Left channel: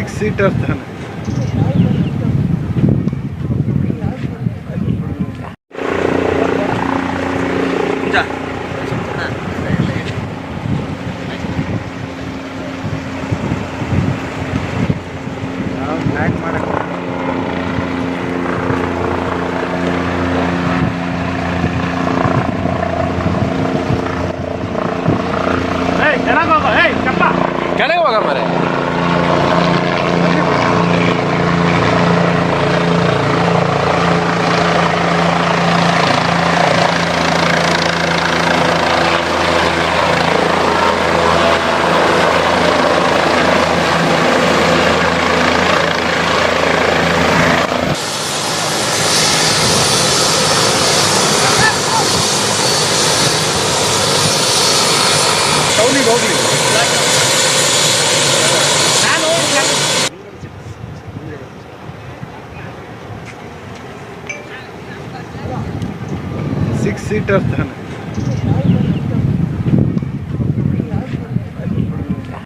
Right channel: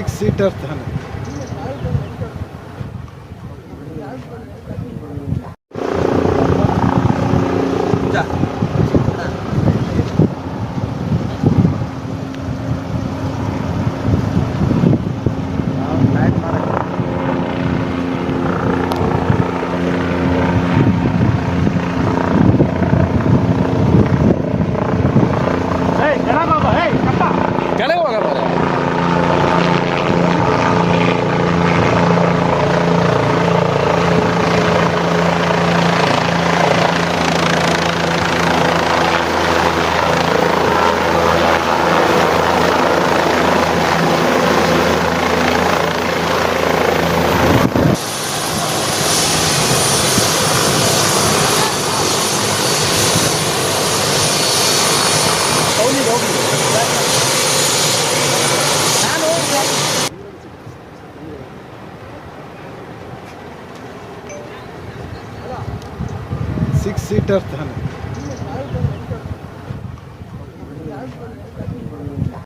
Six seater था। क्या नहीं होगा मेरे six-seater